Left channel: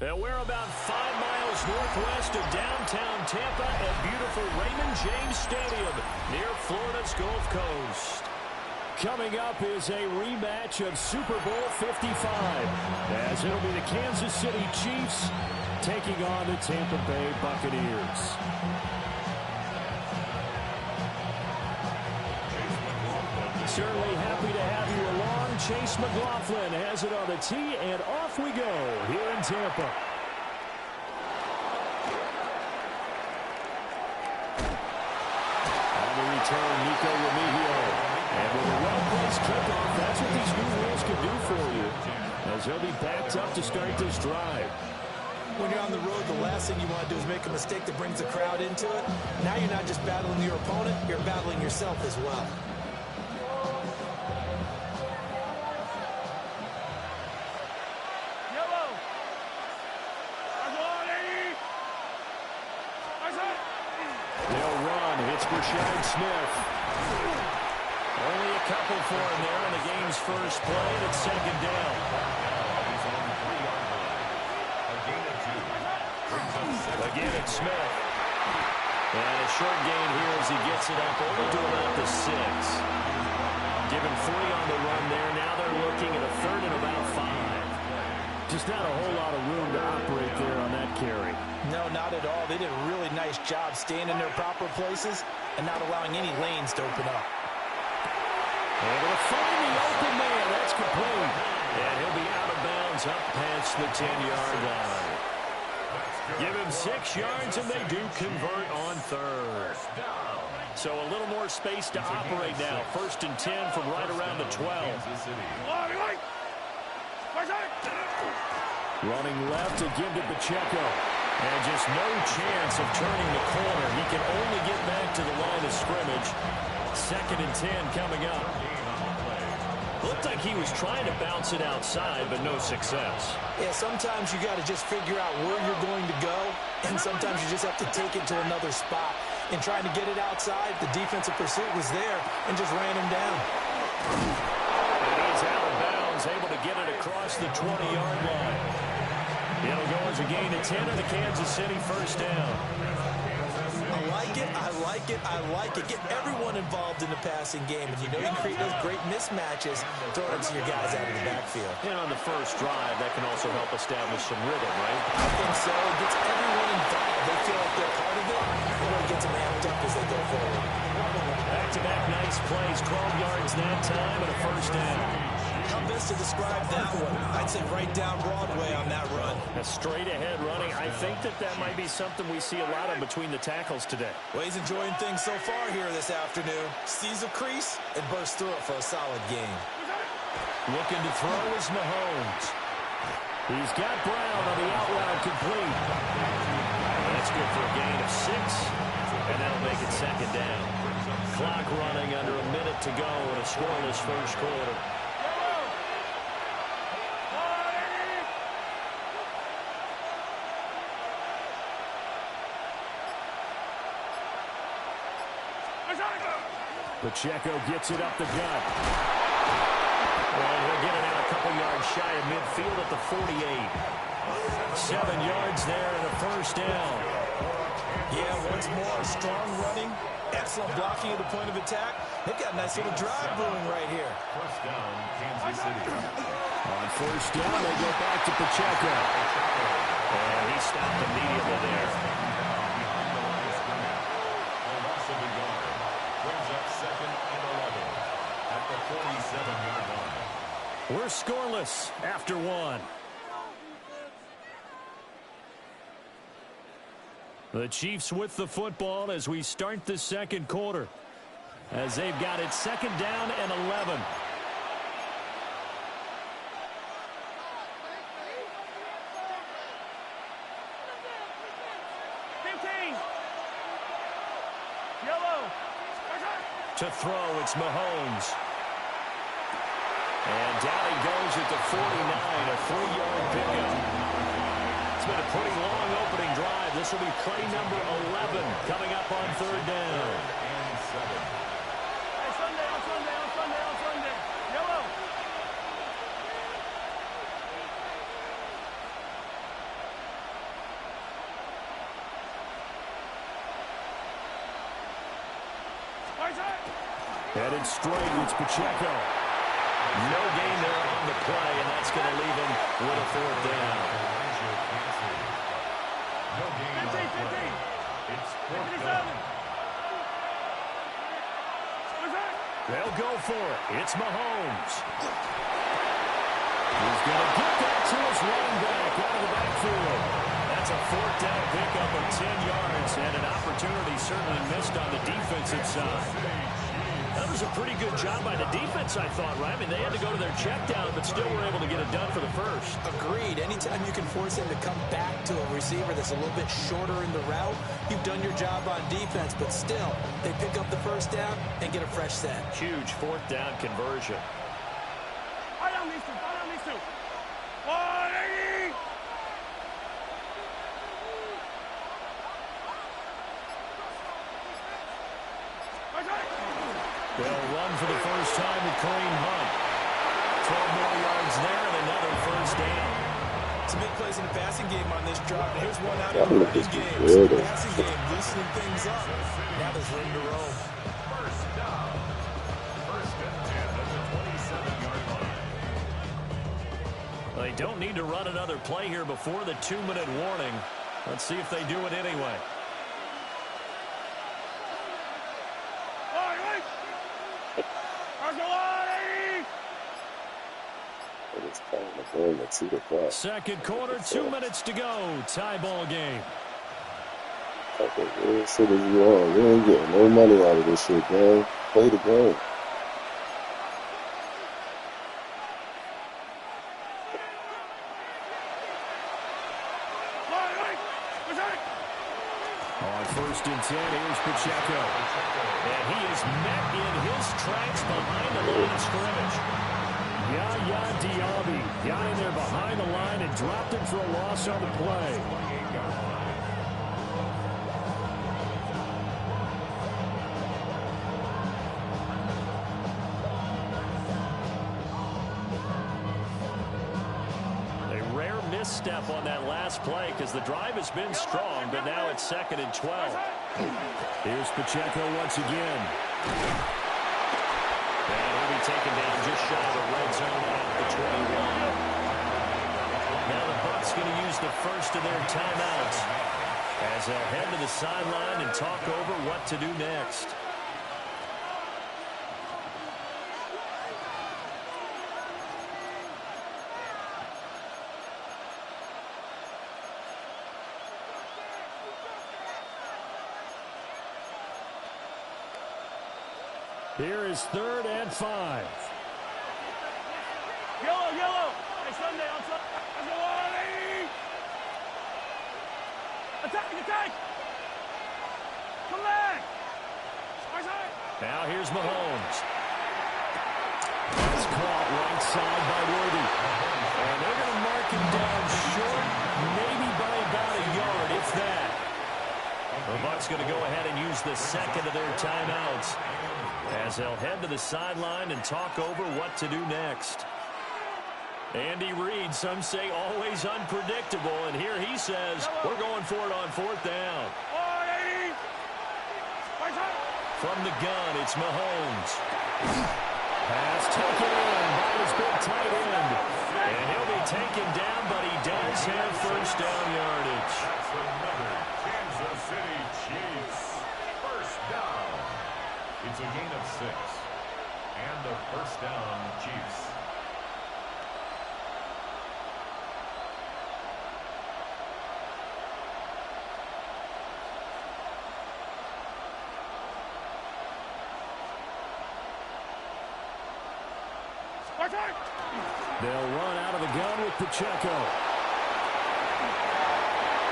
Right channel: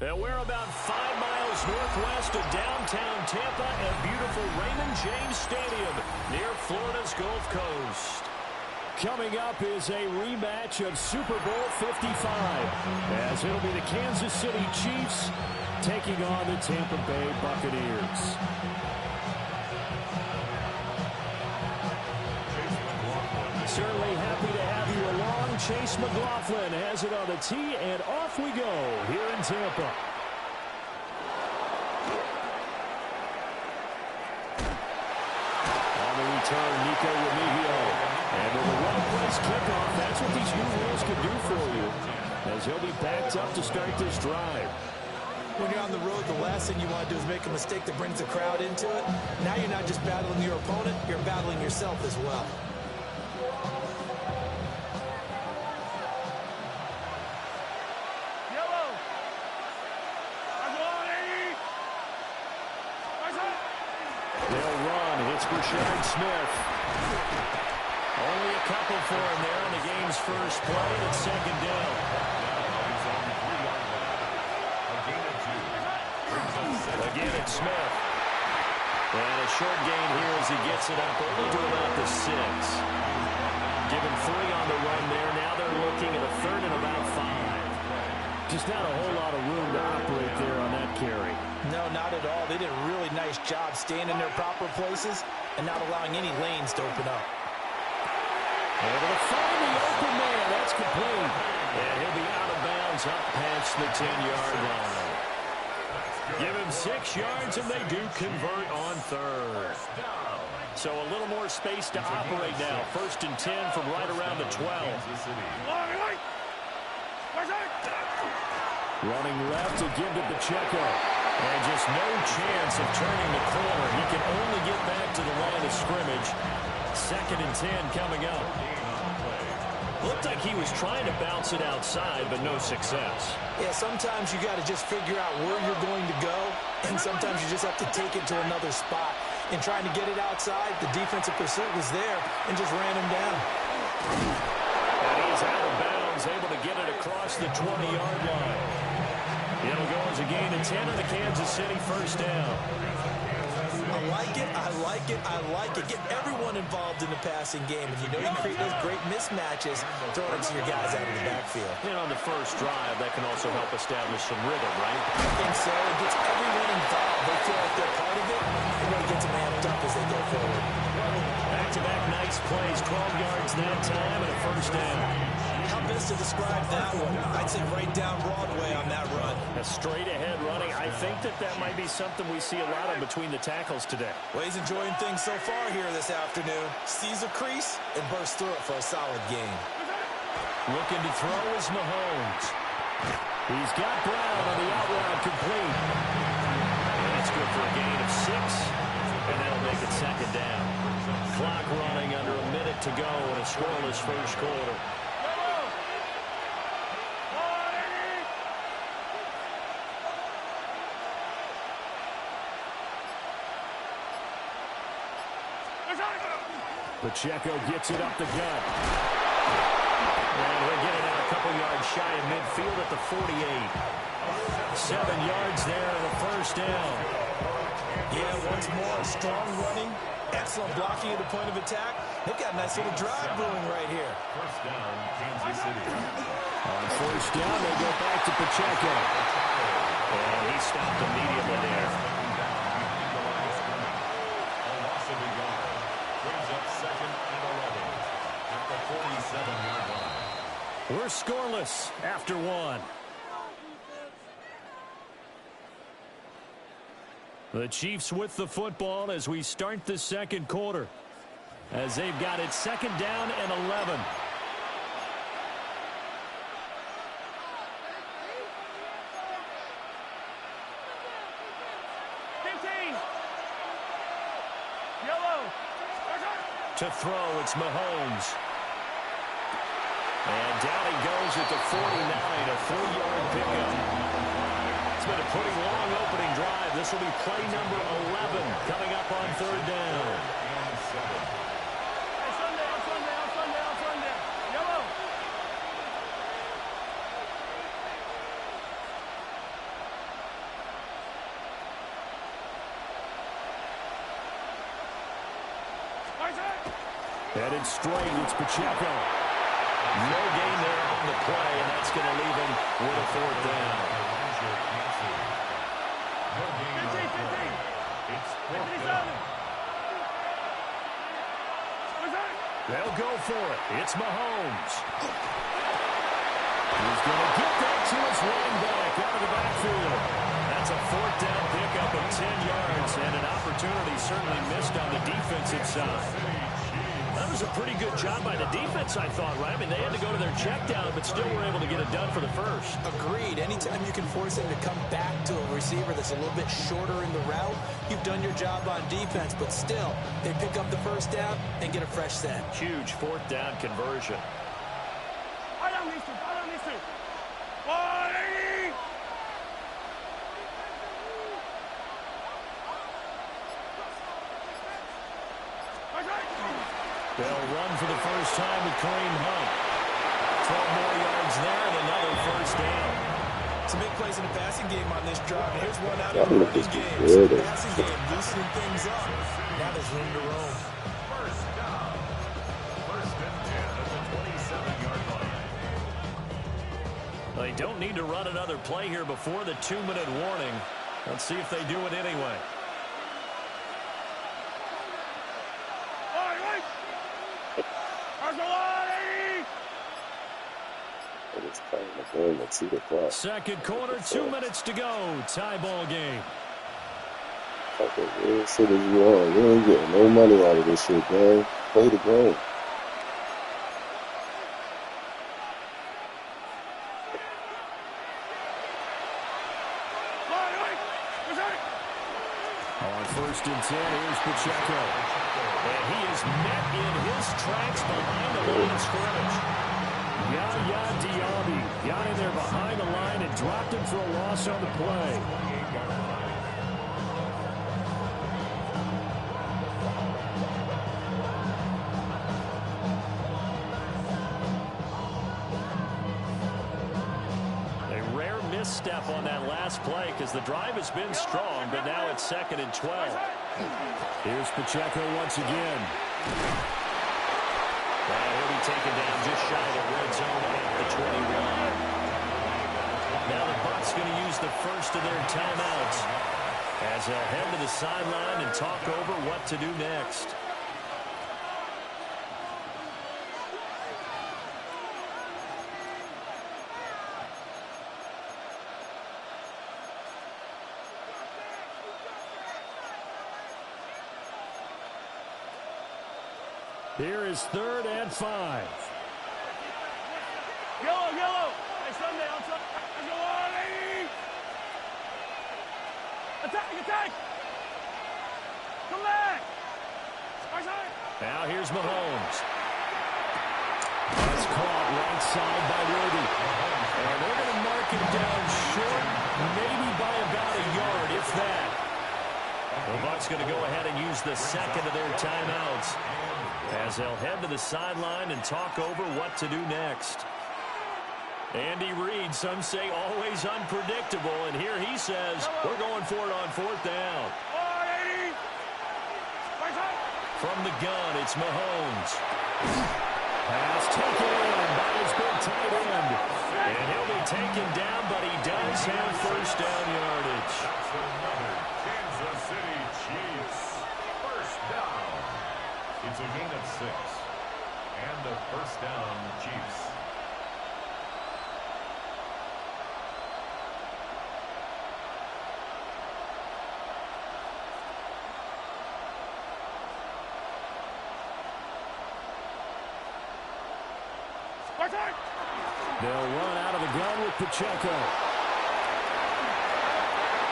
And we're about 5 miles northwest of downtown Tampa at beautiful Raymond James Stadium near Florida's Gulf Coast. Coming up is a rematch of Super Bowl 55, as it'll be the Kansas City Chiefs taking on the Tampa Bay Buccaneers. Certainly happy to have you along. Chase McLaughlin has it on the tee, and off we go here in Tampa. On the return, Nico Remigio. And with a well-placed kickoff, that's what these new rules can do for you, as he'll be backed up to start this drive. When you're on the road, the last thing you want to do is make a mistake that brings the crowd into it. Now you're not just battling your opponent, you're battling yourself as well. They'll run. It's Brashard Smith. Only a couple for him there on the game's first play, and it's second down. Again, it's Smith. And a short gain here as he gets it up only to about the 6. Give him 3 on the run there. Now they're looking at a third and about 5. Just not a whole lot of room to operate there on that carry. No, not at all. They did a really nice job staying in their proper places and not allowing any lanes to open up. Able to find the open man. That's complete. And he'll be out of bounds up past the 10-yard line. Give him 6 yards, and they do convert on third. So a little more space to operate now. 1st and 10 from right around the 12. Running left to give to Pacheco. And just no chance of turning the corner. He can only get back to the line of scrimmage. 2nd and 10 coming up. Looked like he was trying to bounce it outside, but no success. Yeah, sometimes you got to just figure out where you're going to go, and sometimes you just have to take it to another spot. In trying to get it outside, the defensive pursuit was there and just ran him down. And he's out of bounds, able to get it across the 20-yard line. It'll go as a gain of 10 and a Kansas City first down. I like it, I like it, I like it. Get everyone involved in the passing game, and you know you can create those great mismatches throwing it to your guys out of the backfield. And on the first drive, that can also help establish some rhythm, right? I think so. It gets everyone involved. They feel like they're part of it. It really gets them amped up as they go forward. Back-to-back nice plays, 12 yards that time and a first down. How best to describe that one? I'd say right down Broadway on that run. A straight-ahead running. I think that might be something we see a lot of between the tackles today. Well, he's enjoying things so far here this afternoon. Sees a crease and bursts through it for a solid gain. Looking to throw is Mahomes. He's got Brown on the out route complete. And that's good for a gain of 6. And that'll make it second down. Clock running under a minute to go in a scoreless first quarter. Pacheco gets it up the gut. And he'll get it out a couple yards shy of midfield at the 48. 7 yards there and a first down. Yeah, once more, strong running, excellent blocking at the point of attack. They've got a nice little drive brewing right here. First down, Kansas City. On first down, they go back to Pacheco. And he stopped immediately there. A loss of a yard. Brings up 2nd and 11 at the 47-yard line. We're scoreless after 1. The Chiefs with the football as we start the second quarter, as they've got it 2nd down and 11. To throw, it's Mahomes. And down he goes at the 49, a 3-yard pickup. It's been a pretty long opening drive. This will be play number 11 coming up on 3rd down. Headed straight, it's Pacheco. No gain there on the play, and that's going to leave him with a fourth down. No gain on the play. It's fourth down. They'll go for it. It's Mahomes. He's going to get that to his running back out of the backfield. That's a fourth down pickup of 10 yards, and an opportunity certainly missed on the defensive side. That was a pretty good job by the defense, I thought, right? I mean, they had to go to their check down, but still were able to get it done for the first. Agreed. Anytime you can force him to come back to a receiver that's a little bit shorter in the route, you've done your job on defense, but still, they pick up the first down and get a fresh set. Huge fourth down conversion. They'll run for the first time with Kareem Hunt. 12 more yards there and another first down. Some big plays in the passing game on this drive. And here's one out of the running game. So the passing game loosening things up. Now there's room to roam. First down. First and 10 at the 27-yard line. They don't need to run another play here before the 2-minute warning. Let's see if they do it anyway. Second quarter, 2 minutes to go. Tie ball game. What shit is you on? You ain't getting no money out of this shit, man. Play the game. On first and 10, here's Pacheco. And he is met in his tracks behind the line of scrimmage. Yaya Diaby got in there behind the line and dropped him for a loss on the play. A rare misstep on that last play because the drive has been strong, but now it's 2nd and 12. Here's Pacheco once again. And he'll be taken down just shy of the red zone at the 21. Now the Bucs going to use the first of their timeouts as they'll head to the sideline and talk over what to do next. Here is 3rd and 5. Yellow. Hey, Sunday, outside. Let's go on, lady. Attack. Come back. Now here's Mahomes. That's caught right side by Worthy. And they're going to mark him down short, maybe by about a yard, if that. The Bucs going to go ahead and use the second of their timeouts as they'll head to the sideline and talk over what to do next. Andy Reid, some say always unpredictable, and here he says we're going for it on 4th down. From the gun, it's Mahomes. Pass taken in by his big tight end. And he'll be taken down, but he does have first down yardage. That's another Kansas City Chiefs. First down. It's a gain of 6. And a first down, Chiefs. They'll run out of the gun with Pacheco.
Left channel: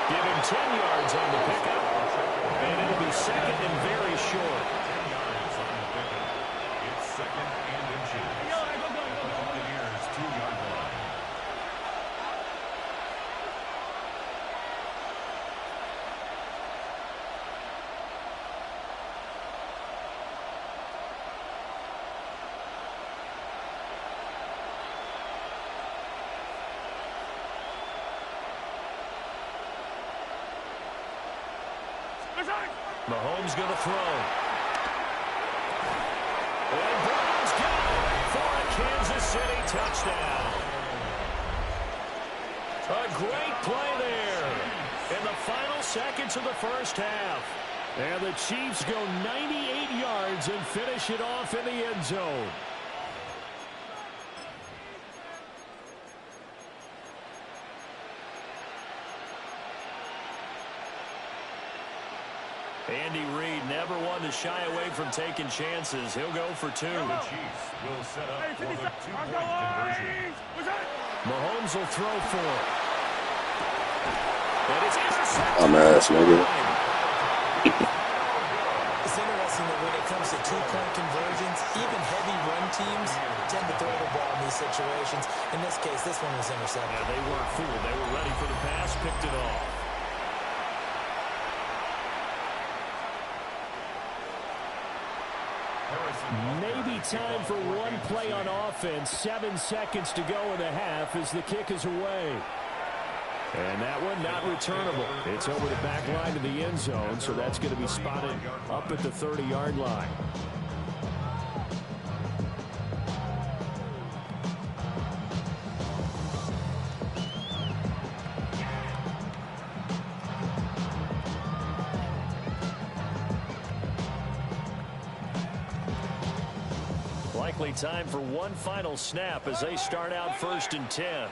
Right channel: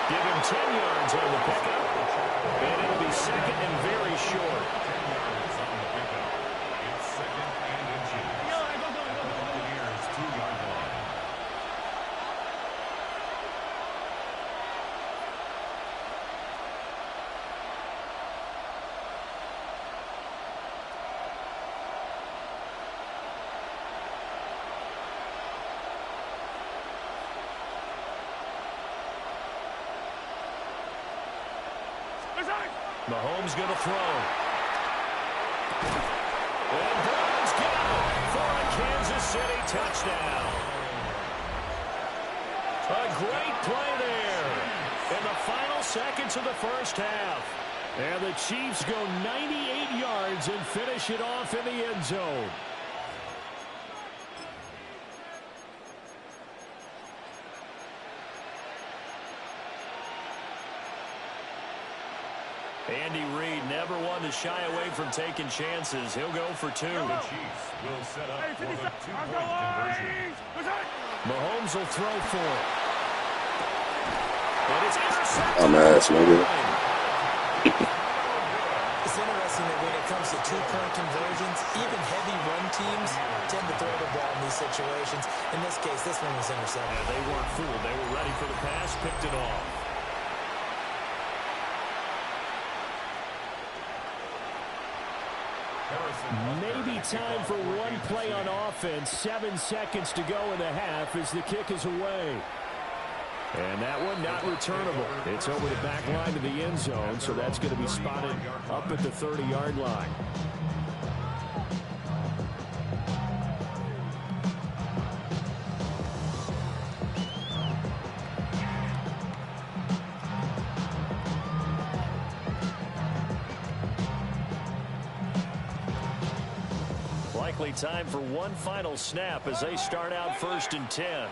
Give him 10 yards on the pickup. And it'll be 2nd and very short. 10 yards on the pickup. It's 2nd and inches. At the Buccaneers' 2-yard line. Mahomes going to throw. And Brown's got it for a Kansas City touchdown. A great play there in the final seconds of the first half. And the Chiefs go 98 yards and finish it off in the end zone. Andy Reid never one to shy away from taking chances. He'll go for two. The Chiefs will set up for the two-point conversion. Mahomes will throw for it. And it's intercepted. I'm ass, nigga. It's interesting that when it comes to two-point conversions, even heavy run teams tend to throw the ball in these situations. In this case, this one was intercepted. Yeah, they weren't fooled. They were ready for the pass, picked it off. Maybe time for one play on offense. 7 seconds to go in the half as the kick is away. And that one not returnable. It's over the back line to the end zone, so that's going to be spotted up at the 30-yard line. Likely time for one final snap as they start out 1st and 10.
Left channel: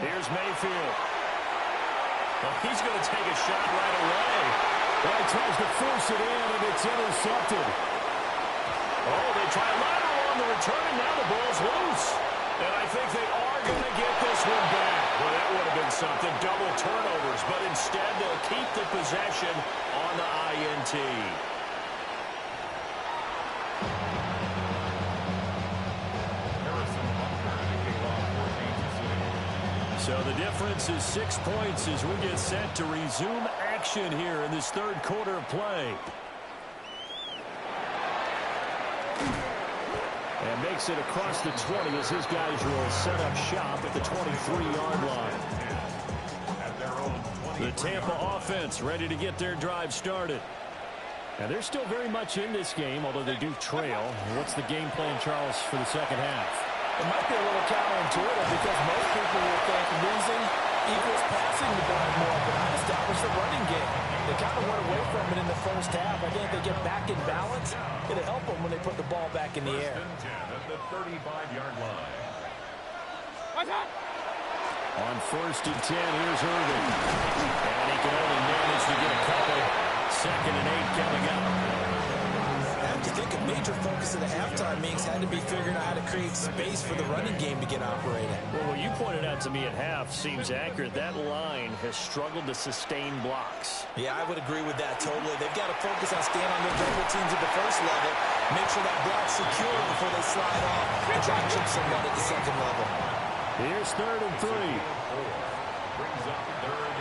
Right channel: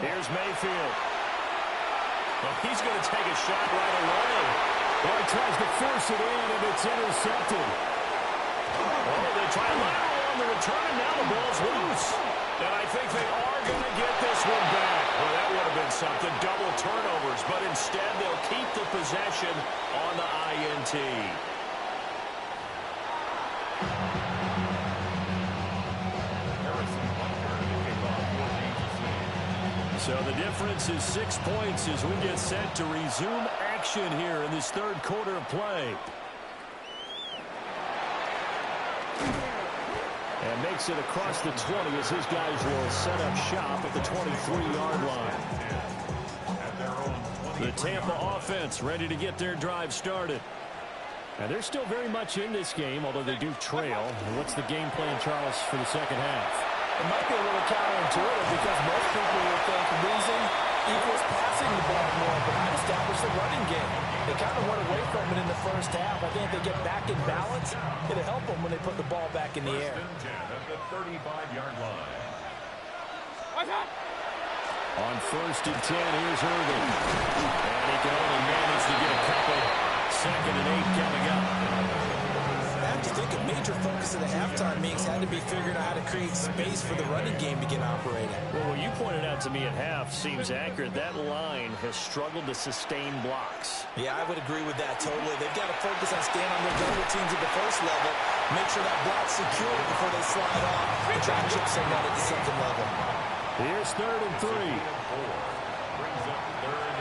Here's Mayfield. Well, he's going to take a shot right away. Well, he tries to force it in, and it's intercepted. Oh, they try a lateral on the return, and now the ball's loose. And I think they are going to get this one back. Well, that would have been something. Double turnovers, but instead they'll keep the possession on the INT. So the difference is 6 points as we get set to resume action here in this third quarter of play. And makes it across the 20 as his guys will set up shop at the 23-yard line. The Tampa offense ready to get their drive started. And they're still very much in this game, although they do trail. What's the game plan, Charles, for the second half? It might be a little counterintuitive because most people will think losing equals passing the ball more, but not establish the running game. They kind of went away from it in the first half. I think if they get back in balance, it'll help them when they put the ball back in the air. At the 35-yard line. On 1st and 10, here's Irvin. And he can only manage to get a couple. 2nd and 8 coming up. I have to think a major focus of the halftime meetings had to be figuring out how to create space for the running game to get operating. Well, what you pointed out to me at half seems accurate. That line has struggled to sustain blocks. Yeah, I would agree with that totally. They've got to focus on staying on their double teams at the first level, make sure that block's secure before they slide off and try to chip someone at the second level. Here's 3rd and 3.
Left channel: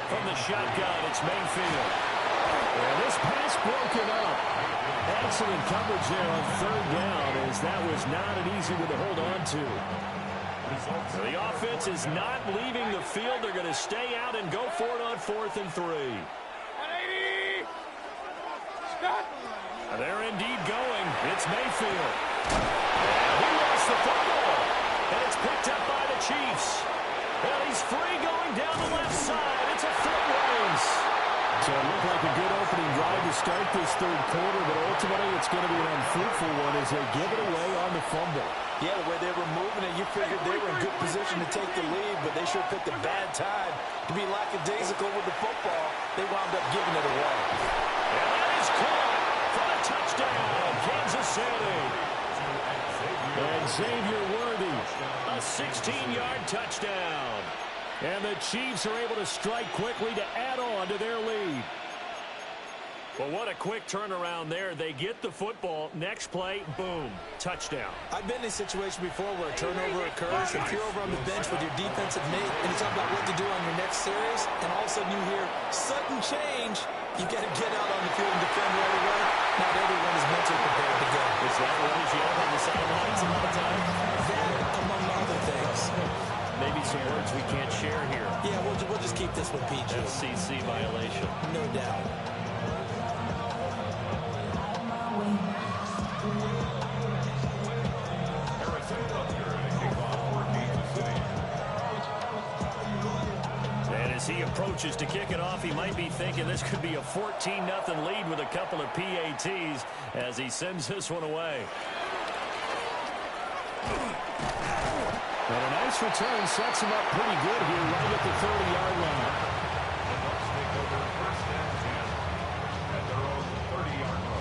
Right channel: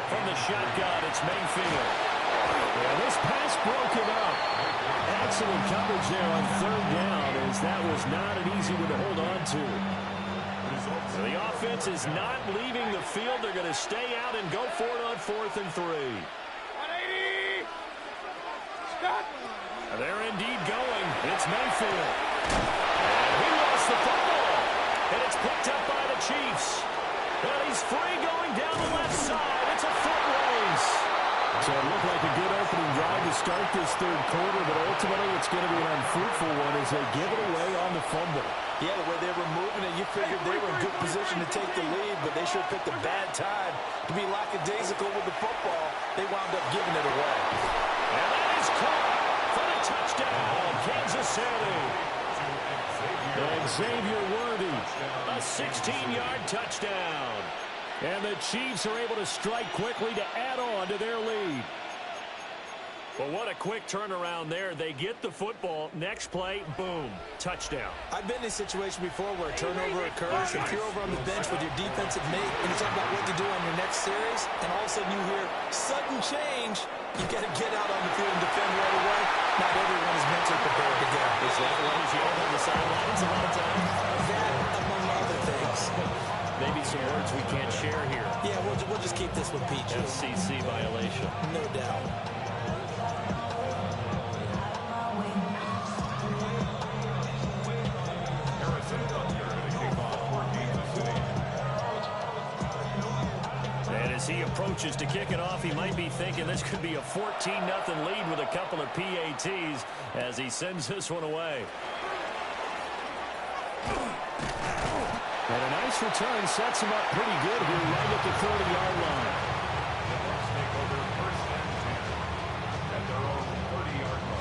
From the shotgun, it's Mayfield. Yeah, this pass broken up. Excellent coverage there on 3rd down, as that was not an easy one to hold on to. The offense is not leaving the field. They're going to stay out and go for it on 4th and 3. 180. Scott. They're indeed going. It's Mayfield. And he lost the football. And it's picked up by the Chiefs. Well, he's free going down the left side. It's a foot race. So it looked like a good opening drive to start this third quarter, but ultimately it's going to be an unfruitful one as they give it away on the fumble. Yeah, the way they were moving it, you figured they were in good position to take the lead, but they sure picked a bad time to be lackadaisical with the football. They wound up giving it away. And that is caught for the touchdown, Kansas City. And Xavier Worthy, a 16-yard touchdown. And the Chiefs are able to strike quickly to add on to their lead. Well, what a quick turnaround there. They get the football. Next play, boom, touchdown. I've been in a situation before where a turnover occurs. If you're over on the bench with your defensive mate and you talk about what to do on your next series, and all of a sudden you hear sudden change, you've got to get out on the field and defend right away. Not everyone is mentally prepared to go. Is that what is yelled on the sidelines a lot of times? That, among other things. Maybe some words we can't share here. Yeah, we'll just keep this one PG. FCC violation. No doubt. As he approaches to kick it off, he might be thinking this could be a 14-0 lead with a couple of PATs as he sends this one away. And a nice return sets him up pretty good here right at the 30-yard line. The Bucs take over 1st and 10 at their own 30-yard line.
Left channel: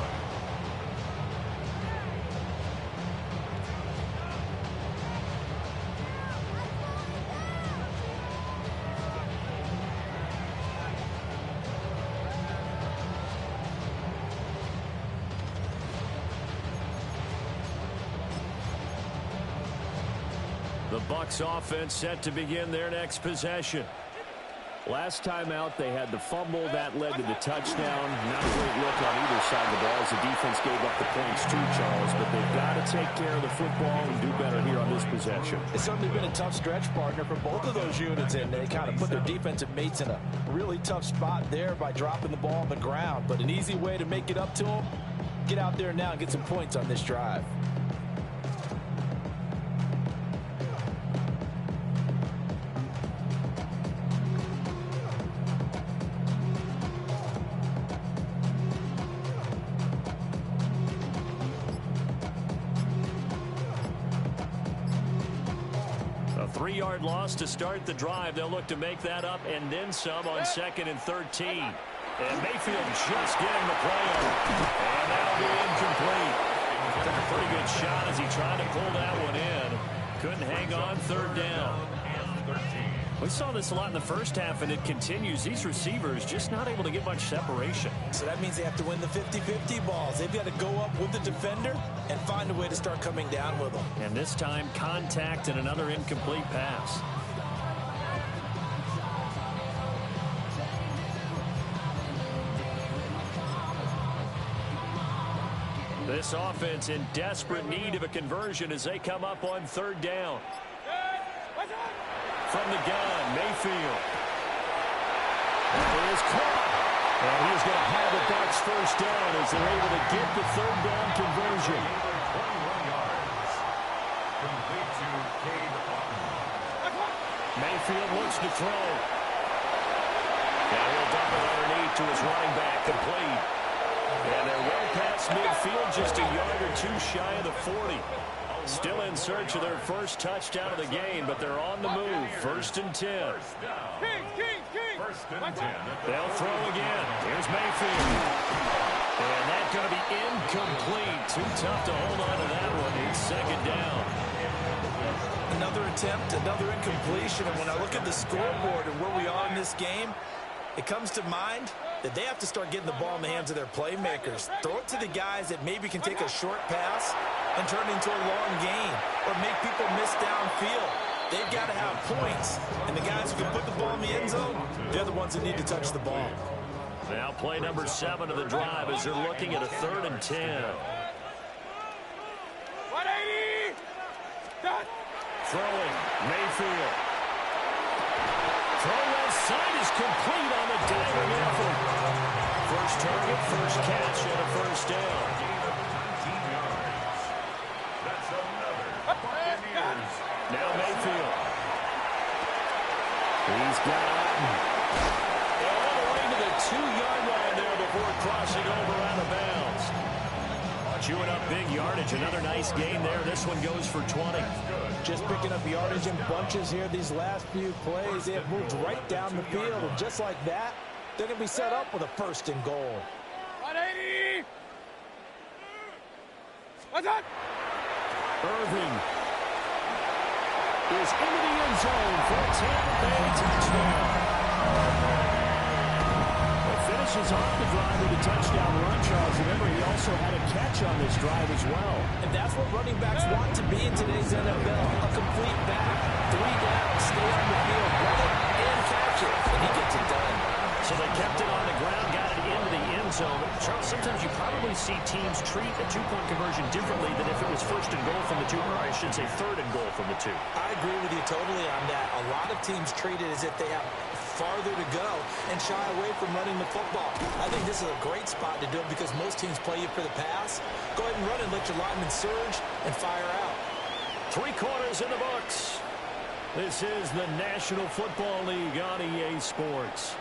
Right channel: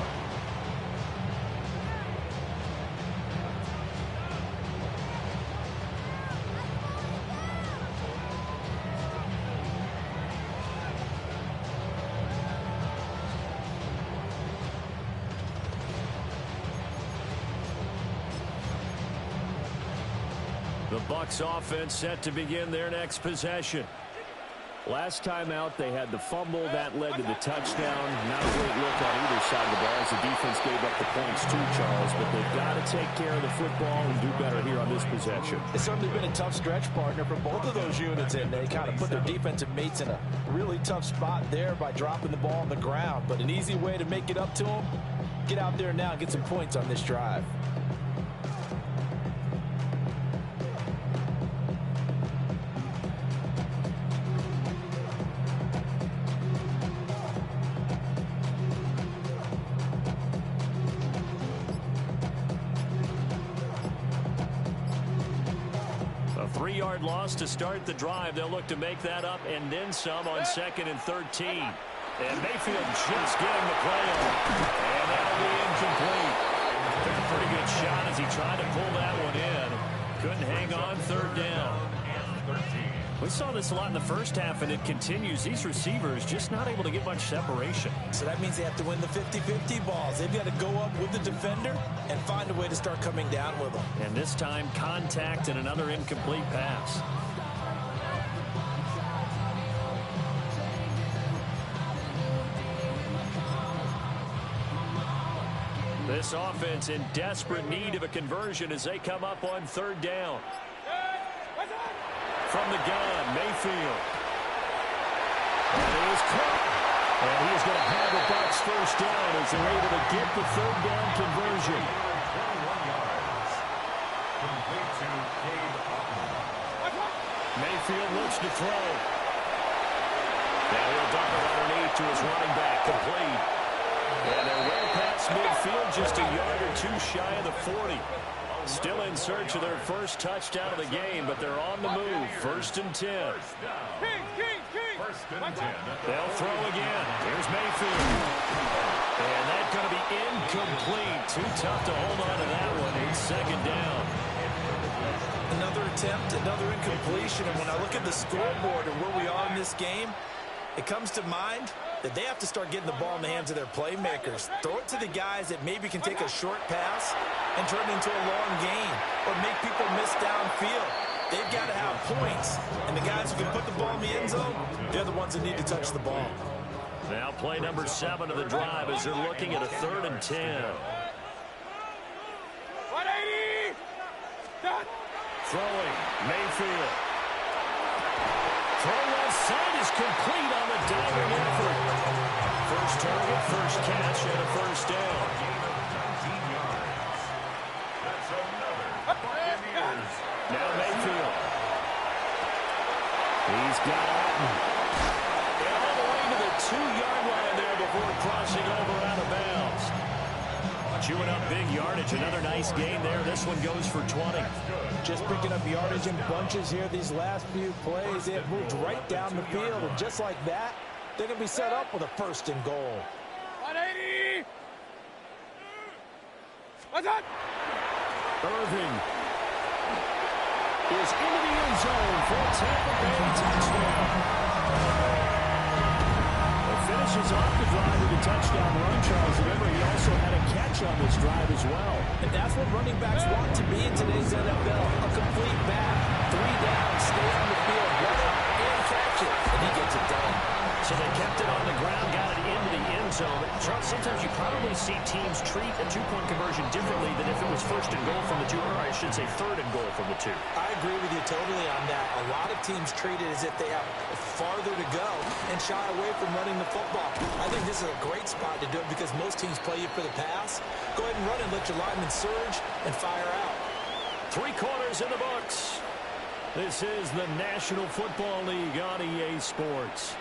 The Bucs offense set to begin their next possession. Last time out, they had the fumble. That led to the touchdown. Not a great look on either side of the ball as the defense gave up the points too, Charles. But they've got to take care of the football and do better here on this possession. It's certainly been a tough stretch, partner, for both of those units, and they kind of put their defensive mates in a really tough spot there by dropping the ball on the ground. But an easy way to make it up to them, get out there now and get some points on this drive. A 3-yard loss to start the drive. They'll look to make that up and then some on 2nd and 13. And Mayfield just getting the play on. And that'll be incomplete. Took a pretty good shot as he tried to pull that one in. Couldn't hang on 3rd down. We saw this a lot in the first half, and it continues. These receivers just not able to get much separation. So that means they have to win the 50-50 balls. They've got to go up with the defender and find a way to start coming down with them. And this time, contact and another incomplete pass. This offense in desperate need of a conversion as they come up on 3rd down. From the gun, Mayfield. That is caught. And he is going to have a Bucs 1st down as they're able to get the 3rd down conversion. 21 yards. Complete to Cade Otton. Mayfield looks to throw. Now he'll dump it underneath to his running back, complete. And they're well past midfield, just a yard or two shy of the 40. Still in search of their first touchdown of the game, but they're on the move. 1st and 10. First and 10. They'll throw again. Here's Mayfield. And that's going to be incomplete. Too tough to hold on to that one. It's 2nd down. Another attempt, another incompletion. And when I look at the scoreboard and where we are in this game, it comes to mind that they have to start getting the ball in the hands of their playmakers. Throw it to the guys that maybe can take a short pass and turn it into a long gain or make people miss downfield. They've got to have points. And the guys who can put the ball in the end zone, they're the ones that need to touch the ball. Now play number 7 of the drive as they're looking at a 3rd and 10. 180! Throwing, Mayfield. Throw left side is complete on the diving effort. First target, first catch, and a 1st down. Gain of 19 yards. That's another Buccaneers. Now Mayfield. He's got Otton. And all the way to the 2-yard line there before crossing over out of bounds. Chewing up big yardage. Another nice gain there. This one goes for 20. Just picking up yardage in bunches here these last few plays. They have moved right down the field, and just like that, they're going to be set up with a 1st and goal. 180! What's that? Irving is into the end zone for a Tampa Bay touchdown. Finishes off the drive with a touchdown run, Charles. Remember, he also had a catch on this drive as well. And that's what running backs want to be in today's NFL. A complete back. 3 down, stay on the field, run it, and catch it. And he gets it done. So they kept it on the ground, got it into the end zone. Charles, sometimes you probably see teams treat a 2-point conversion differently than if it was 1st and goal from the 2, or I should say 3rd and goal from the 2. I agree with you totally on that. A lot of teams treat it as if they have farther to go and shy away from running the football. I think this is a great spot to do it because most teams play you for the pass. Go ahead and run and let your linemen surge and fire out. 3 quarters in the books. This is the National Football League on EA Sports.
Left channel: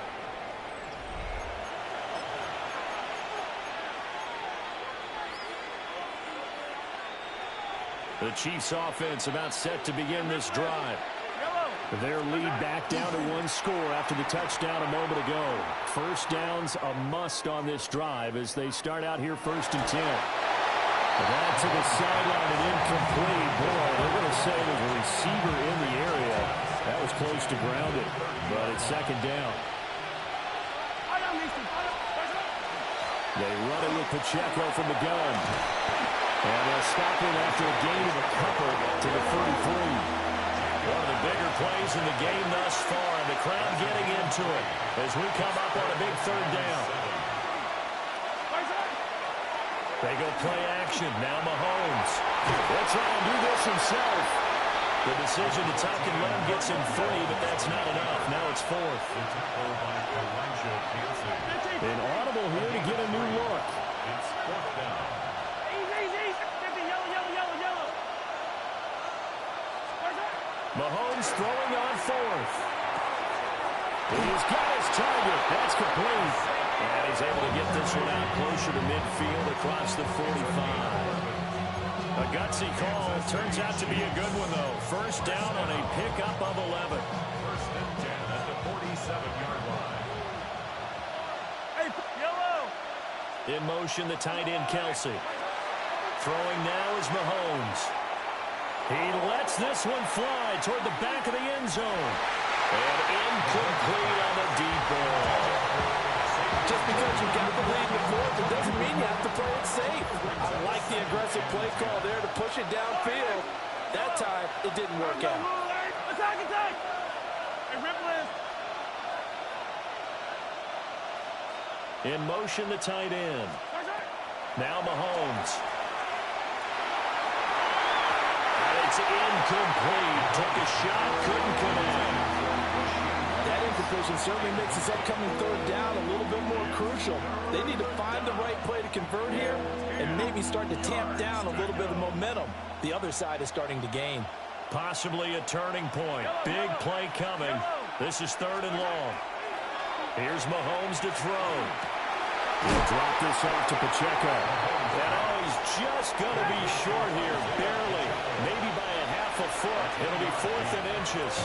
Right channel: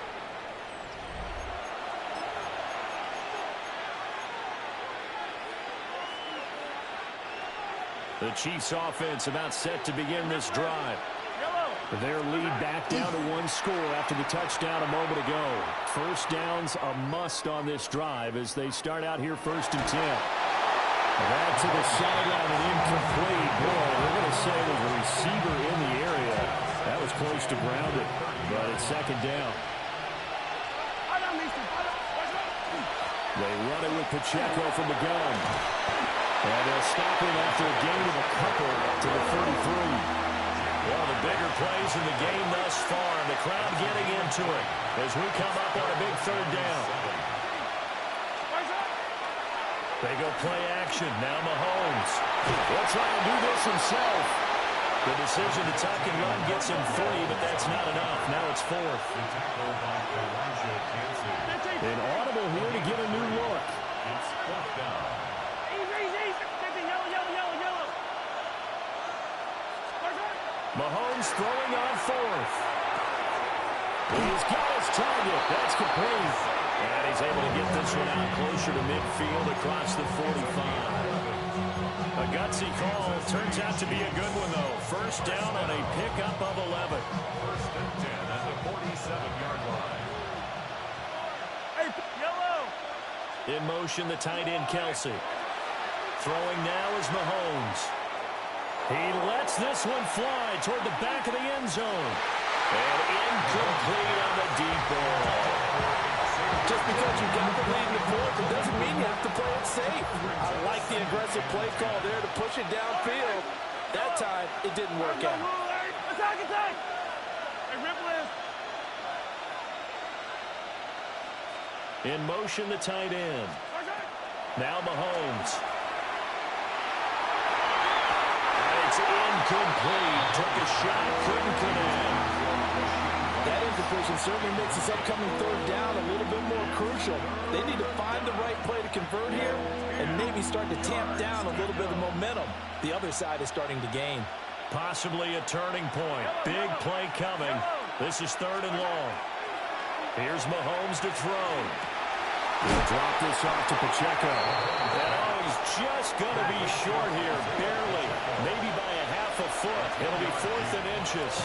The Chiefs offense about set to begin this drive. Their lead back down to one score after the touchdown a moment ago. First down's a must on this drive as they start out here 1st and 10. That to the sideline and incomplete. Boy, they're going to say there's a receiver in the area. That was close to grounded, but it's 2nd down. They run it with Pacheco from the gun. And they'll stop him after a gain of a couple to the 33. One of the bigger plays in the game thus far, and the crowd getting into it as we come up on a big 3rd down. They go play action. Now Mahomes. He'll try and do this himself. The decision to tuck and run gets him 3, but that's not enough. Now it's 4th. An audible here to get a new look. It's 4th down. Mahomes throwing on 4th. He's got his target. That's complete. And he's able to get this one out closer to midfield across the 45. A gutsy call. Turns out to be a good one, though. First down on a pickup of 11. 1st and 10 at the 47-yard line. In motion, the tight end, Kelsey. Throwing now is Mahomes. He lets this one fly toward the back of the end zone. And incomplete on the deep ball. Just because you got the lead in the 4th, it doesn't mean you have to play it safe. I like the aggressive play call there to push it downfield. That time, it didn't work out. In motion, the tight end. Now Mahomes. It's incomplete. Took a shot, couldn't connect. That incompletion certainly makes this upcoming 3rd down a little bit more crucial. They need to find the right play to convert here and maybe start to tamp down a little bit of momentum. The other side is starting to gain. Possibly a turning point. Big play coming. This is 3rd and long. Here's Mahomes to throw. He'll drop this off to Pacheco. And he's just going to be short here, barely. Maybe by a half a foot. It'll be 4th and inches.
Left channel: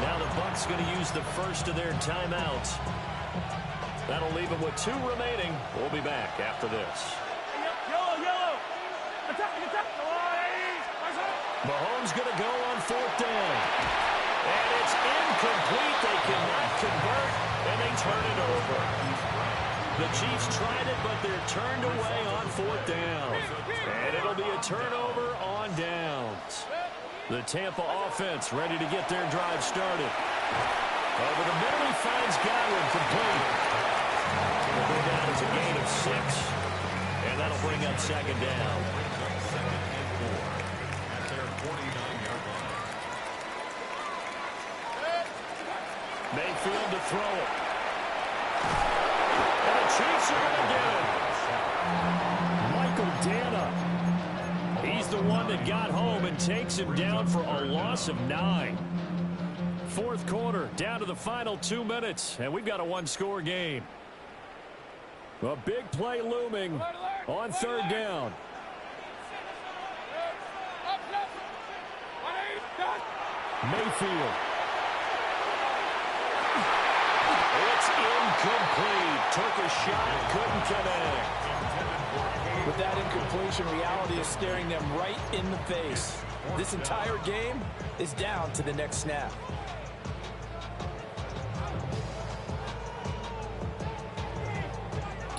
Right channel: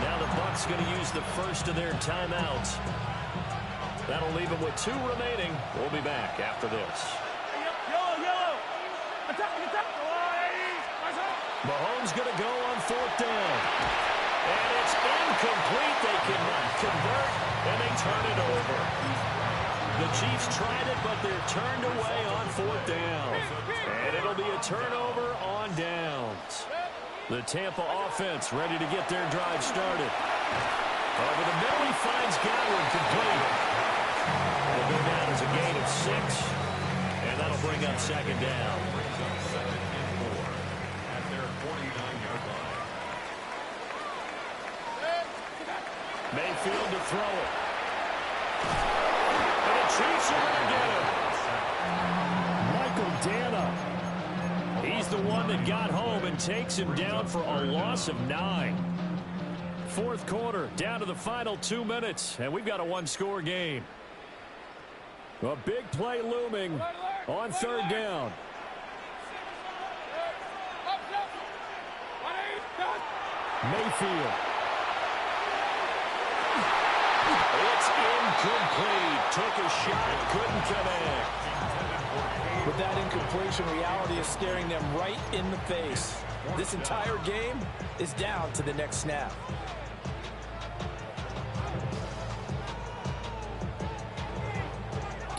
Now the Bucs going to use the first of their timeouts. That'll leave them with 2 remaining. We'll be back after this. Mahomes going to go on 4th down. And it's incomplete. They cannot convert, and they turn it over. The Chiefs tried it, but they're turned away on 4th down. And it'll be a turnover on downs. The Tampa offense ready to get their drive started. Over the middle, he finds Godwin complete. It'll go down as a gain of 6, and that'll bring up 2nd down. Brings up 2nd and 4 at their 49-yard line. Mayfield to throw it. And the Chiefs are going to get it. Michael Dana. He's the one that got home and takes him down for a loss of 9. 4th quarter, down to the final 2 minutes, and we've got a 1-score game. A big play looming on 3rd down. Mayfield. It's incomplete. Took a shot, couldn't connect. With that incompletion, reality is staring them right in the face. This entire game is down to the next snap.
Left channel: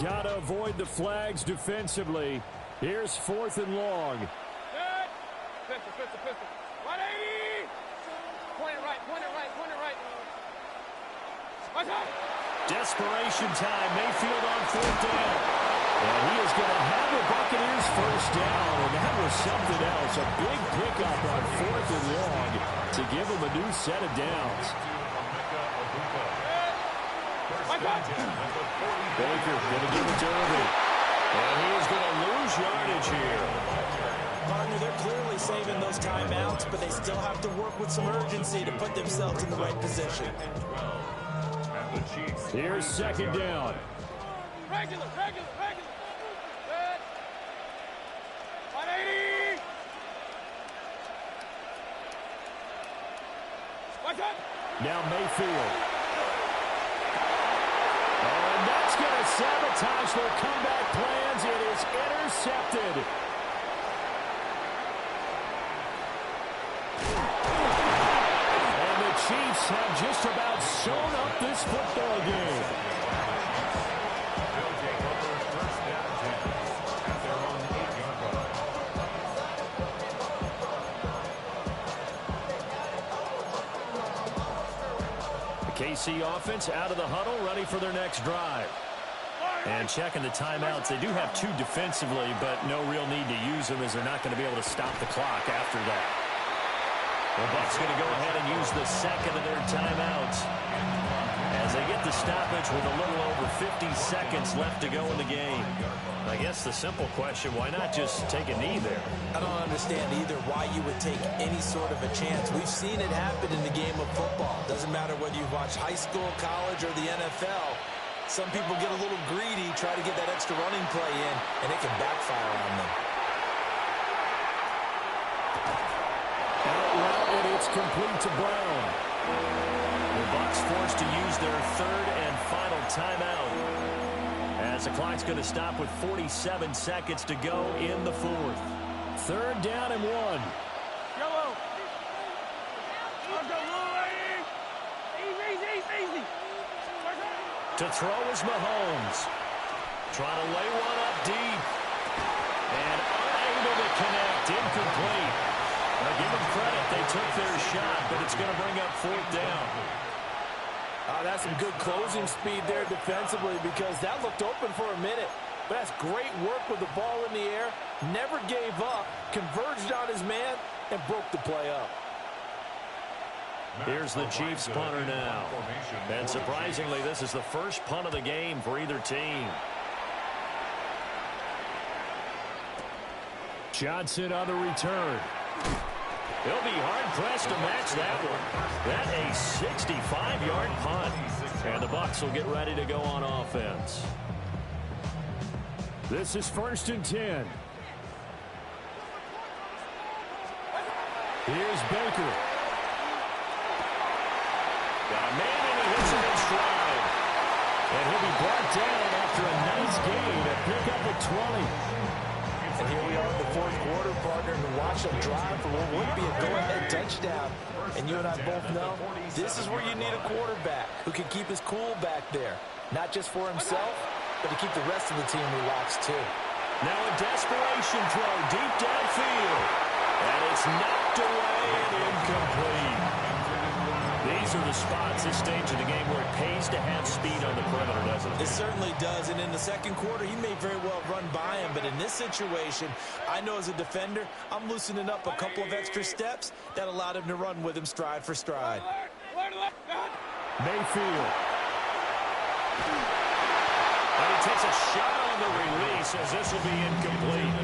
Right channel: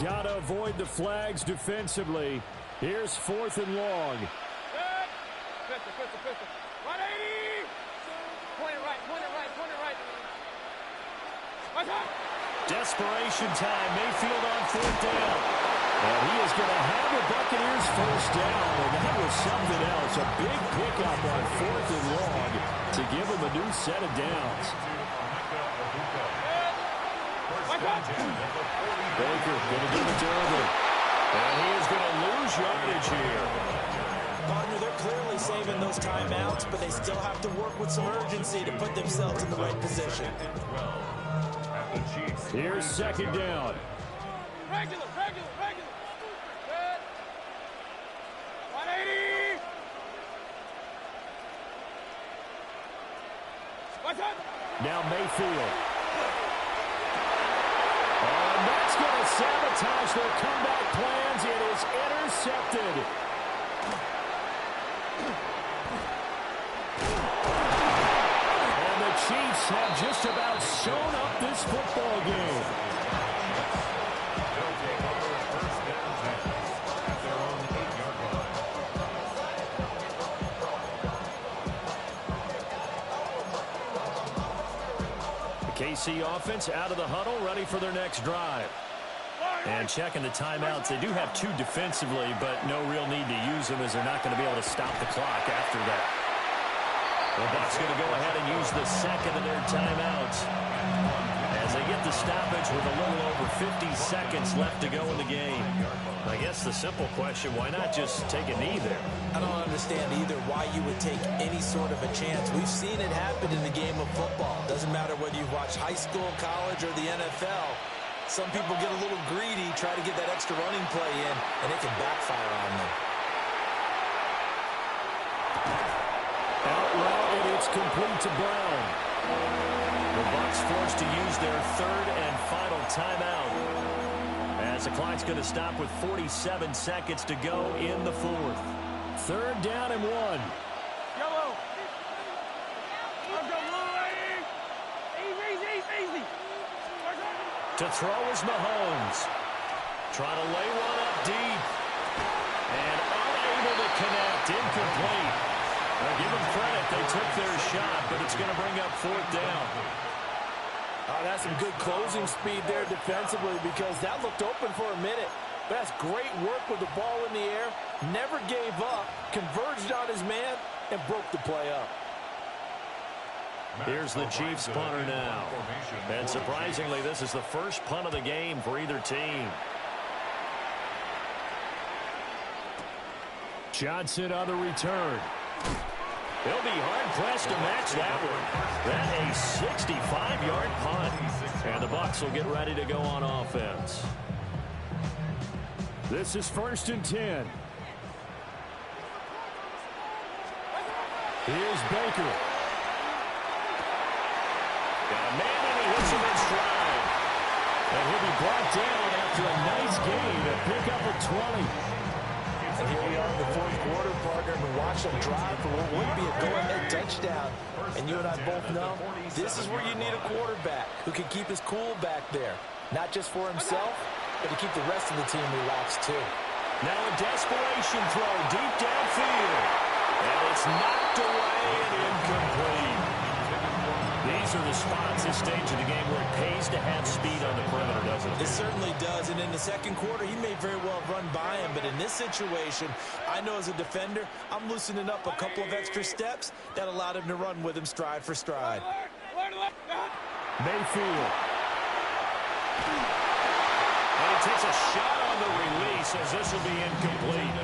Gotta avoid the flags defensively. Here's 4th and long. Pistol. 180! Point it right. Desperation time. Mayfield on 4th down. And he is going to have the Buccaneers first down. And that was something else. A big pickup on 4th and long to give them a new set of downs. Baker going to give it to Irvin. And he is going to lose yardage here. Partner, they're clearly saving those timeouts, but they still have to work with some urgency to put themselves in the right position. Here's second down. Regular. Good. 180. Watch out. Now Mayfield. Oh, and that's going to sabotage their comeback plans. It is intercepted. And the Chiefs have just about sewn up this football game. They'll take over first down 10 at their own 8-yard line. The KC offense out of the huddle, ready for their next drive. And checking the timeouts. They do have 2 defensively, but no real need to use them as they're not going to be able to stop the clock after that. The Bucs going to go ahead and use the second of their timeouts as they get the stoppage with a little over 50 seconds left to go in the game. I guess the simple question, why not just take a knee there? I don't understand either why you would take any sort of a chance. We've seen it happen in the game of football. Doesn't matter whether you've watched high school, college, or the NFL. Some people get a little greedy, try to get that extra running play in, and it can backfire on them. Out route, and it's complete to Brown. The Bucs forced to use their third and final timeout as the clock's going to stop with 47 seconds to go in the fourth. Third down and 1. Yellow. Easy. To throw is Mahomes. Trying to lay one up deep. And unable to connect. Incomplete. Now give them credit. They took their shot, but it's going to bring up fourth down. That's some good closing speed there defensively because that looked open for a minute. But that's great work with the ball in the air. Never gave up. Converged on his man and broke the play up. Here's the Chiefs punter now. And surprisingly, this is the first punt of the game for either team. Johnson on the return. He'll be hard-pressed to match that one. That a 65-yard punt. And the Bucs will get ready to go on offense. This is 1st and 10. Here's Baker. Got a man, and he hits him in stride. And he'll be brought down after a nice gain to pick up a 20. And here we are in the fourth quarter, partner, and watch them drive for what would be a go-ahead touchdown. And you and I both know this is where you need a quarterback who can keep his cool back there. Not just for himself, but to keep the rest of the team relaxed too. Now a desperation throw deep downfield. And it's knocked away and incomplete. These are the spots, this stage of the game, where it pays to have speed on the perimeter, doesn't it? It certainly does, and in the second quarter, he may very well run by him, but in this situation, I know as a defender, I'm loosening up a couple of extra steps that allowed him to run with him stride for stride. Mayfield. And he takes a shot on the release as this will be incomplete.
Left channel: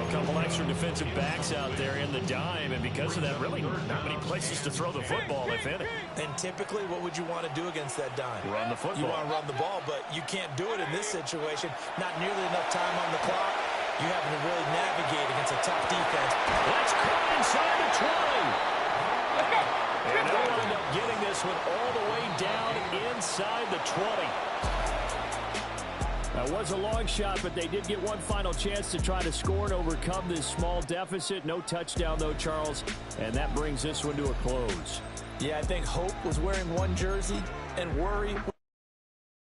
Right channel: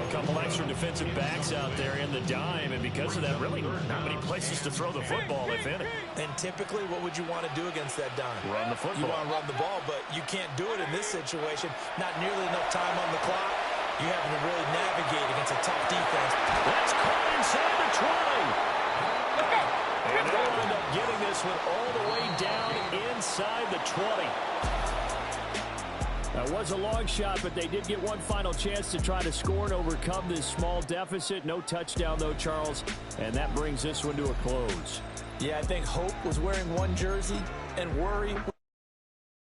A couple extra defensive backs out there in the dime, and because of that, really not many places to throw the football, if any. And typically, what would you want to do against that dime? Run the football. You want to run the ball, but you can't do it in this situation. Not nearly enough time on the clock. You having to really navigate against a tough defense. That's caught inside the 20. And they'll end up getting this one all the way down inside the 20. That was a long shot, but they did get one final chance to try to score and overcome this small deficit. No touchdown, though, Charles, and that brings this one to a close. Yeah, I think hope was wearing one jersey and worry was